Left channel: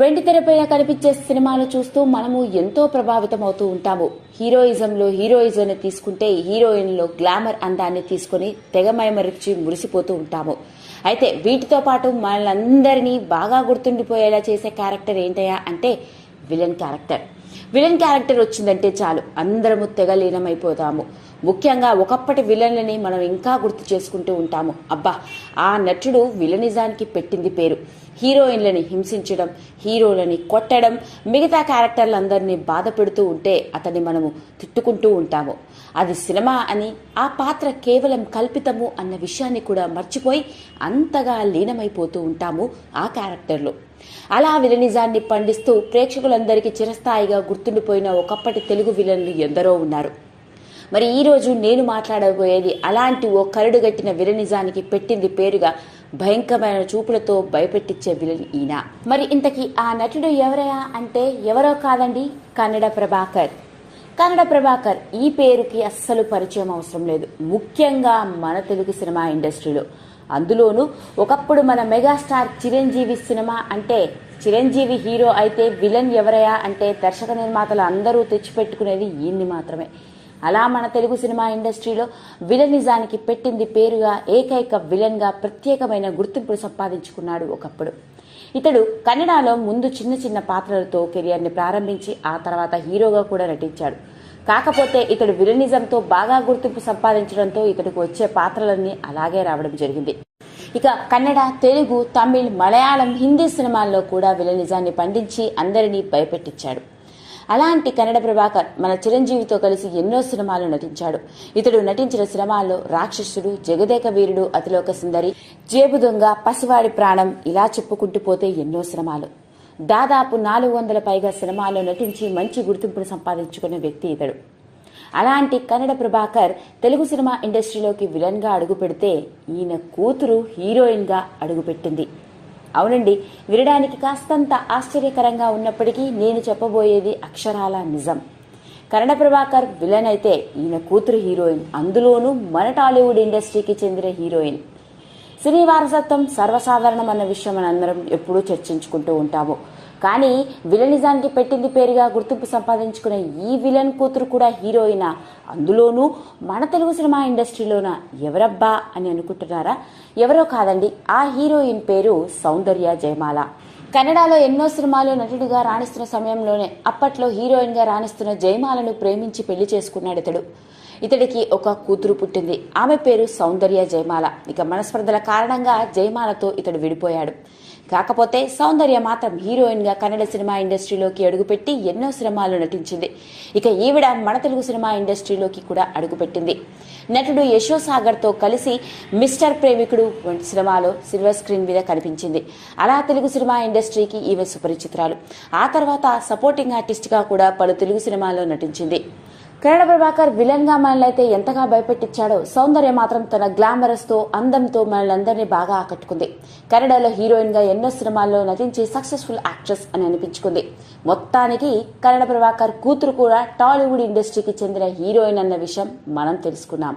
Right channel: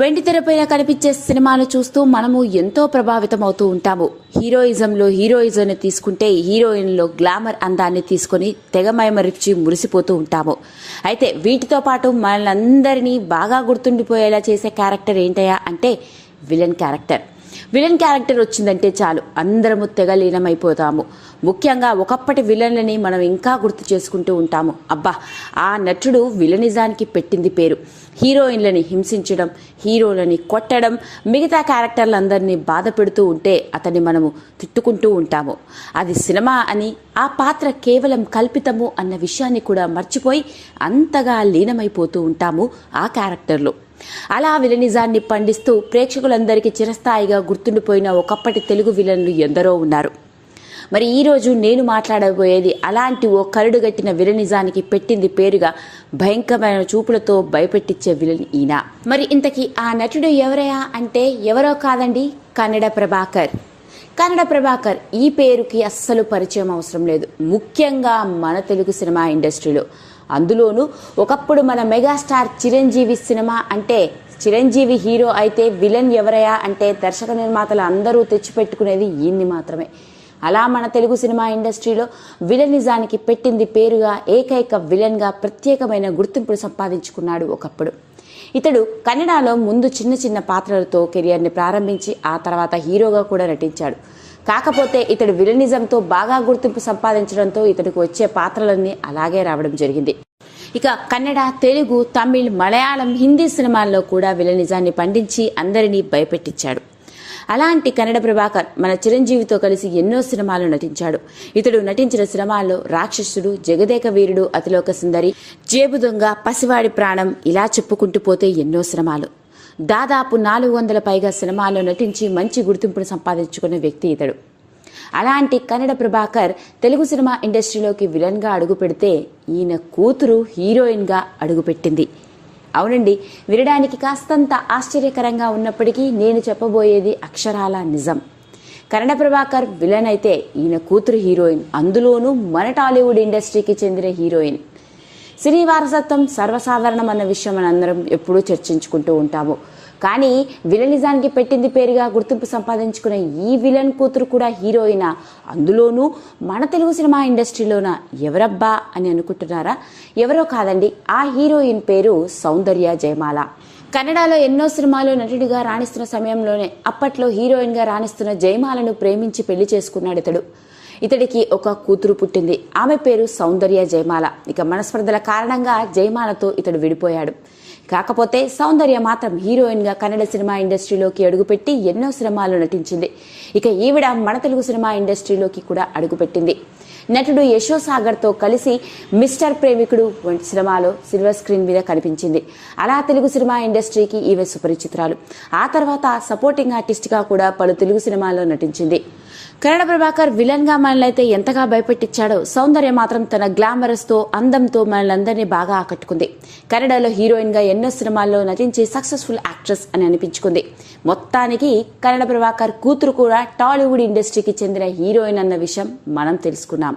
వెండితెరపైన కనిపించే సినిమాను చూస్తూ మనము ఎంతో ప్రభావితం అవుతూ ఉంటాము. హీరోయిజంలో హీరోయిజంని తీసుకుంటే హీరోయిన్లో గ్లామర్ అందాన్ని తీసుకొని తెగమయమరిచి మురిసిపోతూ ఉంటాము. అయితే వీటితో పాటు మనందరినీ బాగా గుర్తుండిపోయేలా చేసే క్యారెక్టర్ ఏంటయ్యా అంటే విలన్ క్యారెక్టర్. విలన్ క్యారెక్టర్ వచ్చిందంటే చాలు. అందరము తెగ లీనమైపోతాము. ముఖ్యంగా ఒకప్పటి విలన్లని మనం ఇంకా గుర్తు చేసుకుంటూ ఉంటాము. అబ్బా ఆ నటుడు విలనిజానికి పెట్టింది పేరు. హీరోయిన్లని హింసించడం హీరోలని కొట్టడం మిగతా క్యారెక్టర్లందరినీ బాధ పెడుతూ ఉంటే అతన్ని మనము తిట్టుకుంటూ ఉంటాము. అది సినిమా అని ఆ పాత్ర కేవలం కల్పితము అన్న విషయాన్ని కూడా మర్చిపోయి అంతగా లీనమైపోతూ ఉంటాము ఆ క్యారెక్టర్లో. అలా విలనిజాన్ని పండిస్తూ ప్రేక్షకులందరికీ చిరస్థాయిగా గుర్తుండిపోయిన ఒకప్పటి తెలుగు విలన్లు ఎందరో ఉన్నారు. మరి ఈరోజు నేను మాట్లాడబోయేది అలాంటి ఓ కరుడుగట్టిన విలనిజానికి పెట్టింది పేరుగా భయంకరమైన చూపులతో భయపెట్టించే విలన్ ఈయన. మరి ఇంతకీ ఆ నటుడు ఎవరయా అంటే ఎవరో కాదండి? కన్నడ ప్రభాకర్. కన్నడ ప్రభాకర్ ఈ పేరుకి అస్సలు పరిచయం అవసరం లేదు. ముఖ్యంగా మన తెలుగు సినిమా ఇండస్ట్రీలో. అందులోనూ ఒకప్పుడు మన మెగాస్టార్ చిరంజీవి సినిమా అంటే చిరంజీవి హీరో అయితే విలన్ ఎవరయా అంటే దర్శక నిర్మాతలు అందరూ తెచ్చిపెట్టుకునేది ఈయన్ని మాత్రమే. అలా మన తెలుగు సినిమా ఇండస్ట్రీలో విలనిజానికి పెట్టింది పేరుగా ఏకైక విలన్గా ప్రత్యేకమైన గుర్తింపును సంపాదించుకున్నాడు ఒకప్పుడు. ఇతడు కన్నడలో ముందు చిన్న చిన్న పాత్రలతో కెరియర్ని ప్రారంభించి ఆ తర్వాత హీరోగా కూడా నటించాడు. కాకపోతే ఇతడు విలనిజంతో బాగా గుర్తింపు సంపాదించడంతో ఇతడికి వచ్చే పాత్రలన్నీ అలాగే రావడం జరిగింది. ఇక కన్నడ తెలుగు తమిళ్ మలయాళం హిందీ సినిమాల్లో కూడా విలనిజాన్ని పండించి అందరినీ భయపెట్టించాడు. అలాంటి కన్నడ ప్రభాకర్ మన చిరంజీవితో కలిసి ఎన్నో సినిమాలు నటించాడు. ఇతడు నటించిన సినిమాల్లో రాక్షసుడు జగదేక వీరుడు అతిలోక సుందరి జేబు దొంగ పసివాడి ప్రాణం ఇలా చెప్పుకుంటూ పోతే ఎన్నో సినిమాలు. దాదాపు నాలుగు వందల పైగా సినిమాల్లో నటించి మంచి గుర్తింపును సంపాదించుకున్న వ్యక్తి ఇతడు. అలాంటి కన్నడ ప్రభాకర్ తెలుగు సినిమా ఇండస్ట్రీలోకి విలన్గా అడుగు పెడితే ఈయన కూతురు హీరోయిన్గా అడుగుపెట్టింది అవునండి వినడానికి కాస్తంత ఆశ్చర్యకరంగా ఉన్నప్పటికీ నేను చెప్పబోయేది అక్షరాల నిజం. కన్నడ ప్రభాకర్ విలన్ అయితే ఈయన కూతురు హీరోయిన్. అందులోనూ మన టాలీవుడ్ ఇండస్ట్రీకి చెందిన హీరోయిన్. సినీ వారసత్వం సర్వసాధారణం అన్న విషయం మనందరం ఎప్పుడూ చర్చించుకుంటూ ఉంటాము. కానీ విలనిజానికి పెట్టింది పేరుగా గుర్తింపు సంపాదించుకున్న ఈ విలన్ కూతురు కూడా హీరోయిన్. అందులోనూ మన తెలుగు సినిమా ఇండస్ట్రీలోన ఎవరబ్బా అని అనుకుంటున్నారా? ఎవరో కాదండి ఆ హీరోయిన్ పేరు సౌందర్య జయమాల. కన్నడలో ఎన్నో సినిమాలు నటుడిగా రాణిస్తున్న సమయంలోనే అప్పట్లో హీరోయిన్గా రాణిస్తున్న జయమాలను ప్రేమించి పెళ్ళి చేసుకున్నాడు ఇతడు. ఇతడికి ఒక కూతురు పుట్టింది. ఆమె పేరు సౌందర్య జయమాల. ఇక మనస్పర్ధల కారణంగా జయమాలతో ఇతడు విడిపోయాడు. కాకపోతే సౌందర్య మాత్రం హీరోయిన్గా కన్నడ సినిమా ఇండస్ట్రీలోకి అడుగుపెట్టి ఎన్నో సినిమాలు నటించింది. ఇక ఈవిడ మన తెలుగు సినిమా ఇండస్ట్రీలోకి కూడా అడుగుపెట్టింది. నటుడు యశోసాగర్తో కలిసి మిస్టర్ ప్రేమికుడు వంటి సినిమాలో సిల్వర్ స్క్రీన్ మీద కనిపించింది. అలా తెలుగు సినిమా ఇండస్ట్రీకి ఈమె సుపరిచితురాలు. ఆ తర్వాత సపోర్టింగ్ ఆర్టిస్ట్గా కూడా పలు తెలుగు సినిమాల్లో నటించింది. కన్నడ ప్రభాకర్ విలన్గా ఎంతగా భయపెట్టించాడో సౌందర్య మాత్రం తన గ్లామరస్తో అందంతో మనల్ని బాగా ఆకట్టుకుంది. కన్నడలో హీరోయిన్గా ఎన్నో సినిమాల్లో నటించి సక్సెస్ఫుల్ యాక్ట్రెస్ అని అనిపించుకుంది. మొత్తానికి కన్నడ ప్రభాకర్ కూతురు కూడా టాలీవుడ్ ఇండస్ట్రీకి చెందిన హీరోయిన్ అన్న విషయం మనం తెలుసుకున్నాం.